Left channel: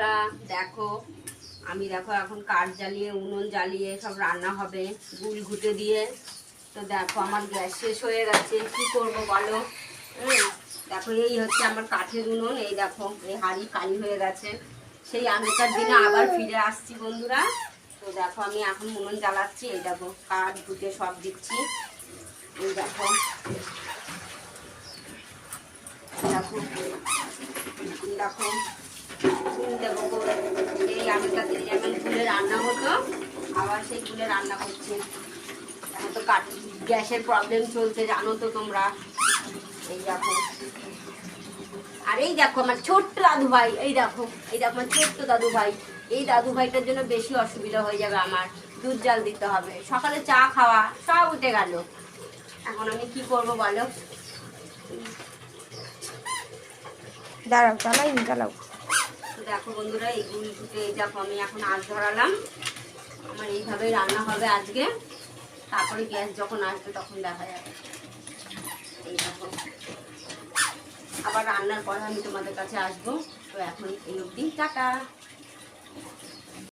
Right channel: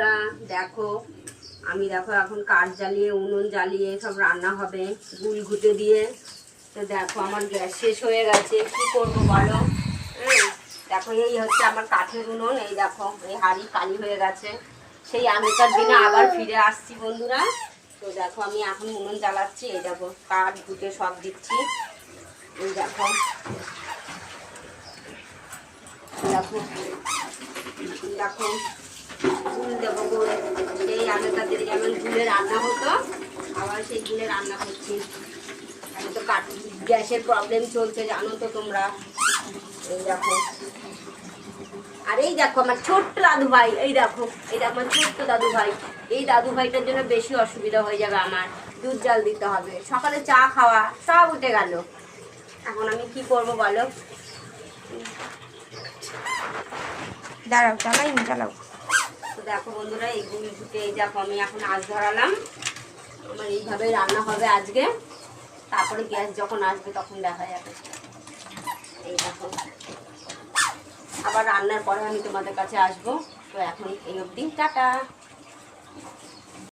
বন্ধুরা, দেখো আমি এখন কাঠ জ্বালিয়ে উনুন জ্বালিয়ে সব রান্না হবে গুল ঘুটে দিয়ে। তো দেখো আমার গ্যাস শেষ হয়ে গেছে, কি করব বলো। দেখো এই হচ্ছে আমার কাঠের উনুন, এই দেখো এই হাঁড়ি কালি হয়ে গেছে। সেই আগেকার দিনে আবার ফিরে আসছি বন্ধুরা। তো দেখো আমি এখন উনুন জ্বালাচ্ছি, এই দেখো কাঠ ঘুটে সব দিচ্ছি। এই দেখো দেখো দেখো গুল দেবো করে, সেই আগেকার দিনে যেমন গুলে রান্না হতো আবার সেই গুলে রান্না করছি। এখন তো গ্যাসের প্রবলেম চলছে জানো তো তোমরা। এই দেখো, আর এই দেখো আমার ছোট্ট দাদু ভাই, এই দেখো আমার ছোট্ট দাদু ভাই। এই দাদু ভাইটার জন্য বেশি অসুবিধা হয়ে যাবে, আমার দুধ জাল দিতে হবে, সকালে চা খাওয়া সব উঠে গেল। এখন আমি কি করব বলো। দাঁড়াও, চালাও। তো দেখো বন্ধুরা, এই গুল ঘুটে এই দেখো আমি এখন আঁচ ধরালাম। আমার এইভাবেই রান্না হবে আজকে, তারপরে গ্যাস যখন আসবে তখন দেখা যাবে। এই দেখো আবার রান্নার পরে আমি তোমাদের কাছে আসবো। তো এখন এই অবধি টাটা।